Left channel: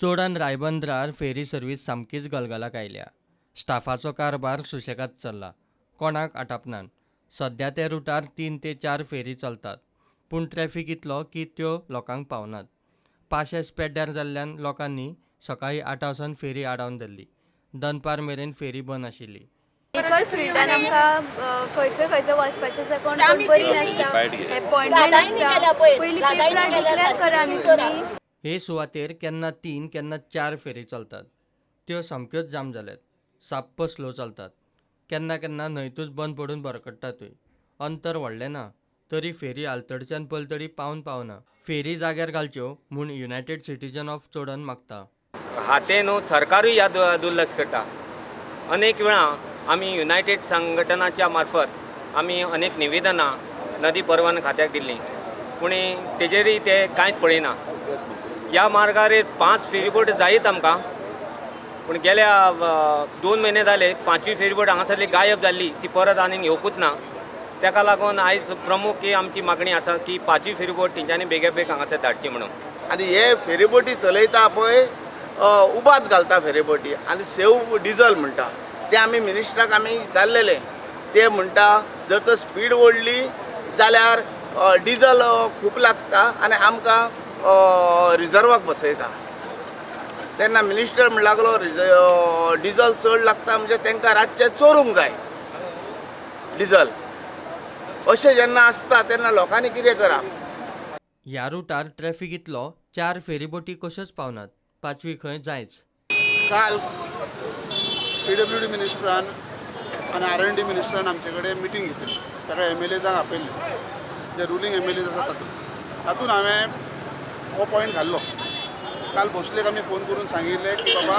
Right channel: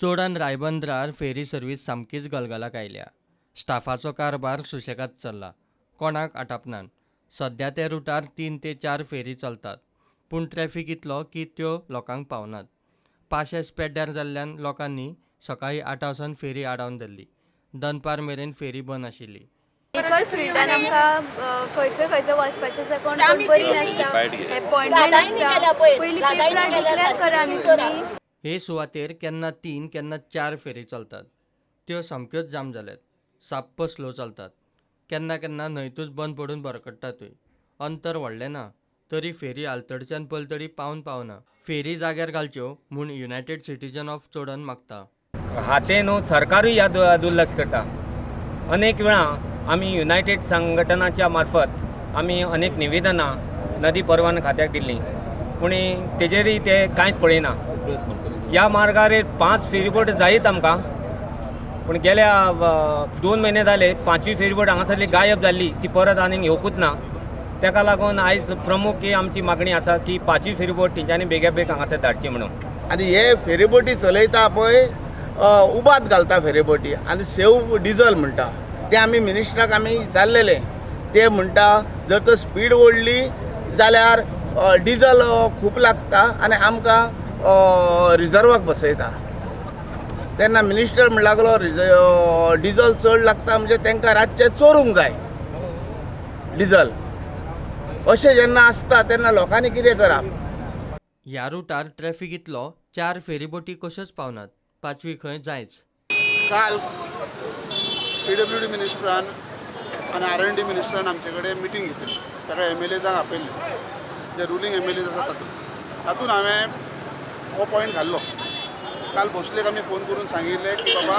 चोडन रायबंदरार फेरी service सामकीच गलगलाक आयल्या. स्टाफाचो कारभार सुशेगाद चल्ला, कोणाक आटापनान. सध्या ते रुटार 3 ते 4 फेरी चलतात, पूण ट्रॅफिक इतलो की त्यो लोकांक पावनात. पाशेंस पेड्ड्यार जाल्ल्यान लोकांनी सकाळीं 8 फेरी आडावन धरली. दनपार मेरेन फेरी बंद आशिल्ली. इक्वल फ्रिटान आमकां खंयचर वचपाचें आसा कोण बरी नासता, अपॉयंटमेंट आसता, पयलीं पेपरार डिक्लेअर करा न्ही तुमी. हे सुवातेर केन्ना 3 केन्ना 4 फेरी चलतात. त्यो सामक्योच जाम जाल्यात, साप्प स्लो चलतात. केन्ना केन्ना न्हंयतूच बंद पडून बरकट्टातूय. अंतर व्हडलें ना, तरी फेरी आलतडच्यान पलतडी पावना. फेरी जाग्यार घालच्यो म्हूण युनायटेड सिटीजन ऑफ चोडन मागता. हाते न्हू सरकारूय ह्या दुर्लक्ष करता. अनेक वेळा आमी युनायटेड संघटनाच्या मार्फत आमी अनेक निवेदनां नदी परिवहन खात्याक दिल्लीं, पूण तेजेरय ते कांयच पळयना. ह्या मार्गार 5 फेरीबोट जायत आमकां, पूण गेल्या 2 म्हयने जाले 5वी फेरीबोट हांगासरली गायब जाल्ली, ती परत आनीक येवकूच ना. ताका लागून आयज प्रमुख ही आमची मागणी आसा की 5वी फेरीबोट तेंच्यांनी बेगा बेग हांगासर धाडची म्हणून. आनी हे फेरीबोटी चलयता पळय उबात घालता फेरीबोटी आनी सेव डिझल म्हणटा ते आमी मिनिस्टराक आमी विचारलेले. ते म्हणटा जर तर स्पीड ओडली जाल्यार डिझल खूब लागता आनी आमकां रिजर्वाक बसयता. तेन्ना मिनिस्टर म्हणूंक लागलो डिझल चड लागता म्हणजे तांकां रातचें चोरूंक जाय डिझल. अशें जेन्ना आसता तेन्ना लोकांनी कितें करप? ह्या रुटार ट्रॅफिक इतलो 4 फेरीबोटी कश्योच पावनात. 5वी खंय जायच. काल PWD मिनिस्टरान आणि R&D मिनिस्टरान आमचे कडेन मिटींग घेतली. सगळ्या MLAजांक आपयल्ले, जे रुलींग MLAज आसा तातूंत हांवें हो पॉयंट घाल्लो. काल भोसलेक आमी फोन करून सांगिल्ले की बाबा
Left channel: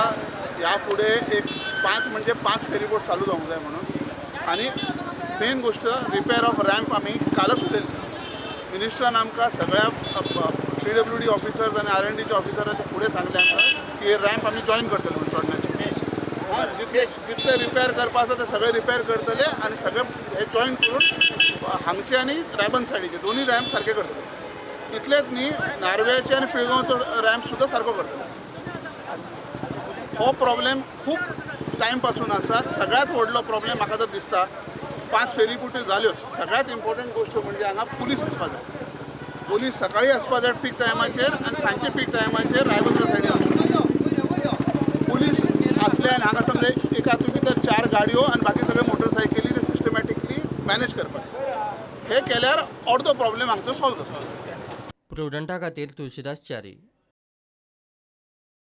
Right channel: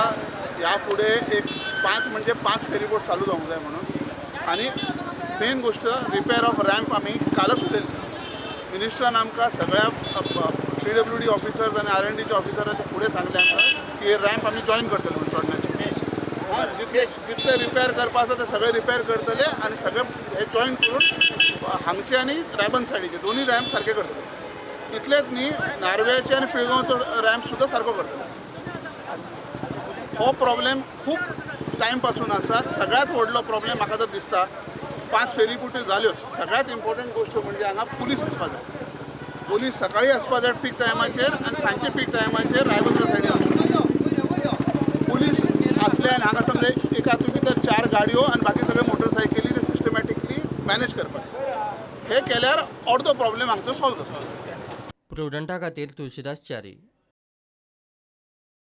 ह्या फुडें एक 5 म्हणजे 5 फेरीबोट चालू जावंक जाय म्हणून. आनी मेन गोष्ट रिपेअर ऑफ रॅम्प आमी कालच उलयल्ली. मिनिस्टरान आमकां सगळ्या PWD ऑफिसर्स आणि R&Dच्या ऑफिसरांच्या फुडें सांगलें आमकां की हे रॅम्प आमी जॉईन करतले म्हणून चोडण्याचे. जितले रिपेअर करपा आसा ते सगळे रिपेअर करतले आनी सगळे हे जॉईन करून हांगचे आनी रायबंद सायडीचे दोनूय रॅम्प सारके करतले. इतलेच न्ही, नार्वेचे आनी पिळगांवचो रॅम्प सुद्दां सारको करतले. हो प्रॉब्लेम खूब टायम पासून आसा. सगळ्यात व्हडलो प्रॉब्लेम म्हाका तर दिसता 5 फेरीबोटी जाल्योच. सगळ्यात इम्पॉर्टंट गोष्ट म्हणजे हांगा पुलीस आसपा जाय. पुलीस सकाळीं आसपा जाय पीक टायमाचेर आनी सांजचे पीक टायमाचेर रायबंद्रा सायडीन. पुलीस आसल्यान हांगा समजा एका भितर 4 गाडयो आनी बाकी सगळे मोटरसायकली ते सिस्टमॅटिकली मॅनेज करपाक. हे केल्यार अर्दो प्रॉब्लेम हांगचो सॉल्व जाता. प्रुडंटा खातीर तुळशीदास च्यारी.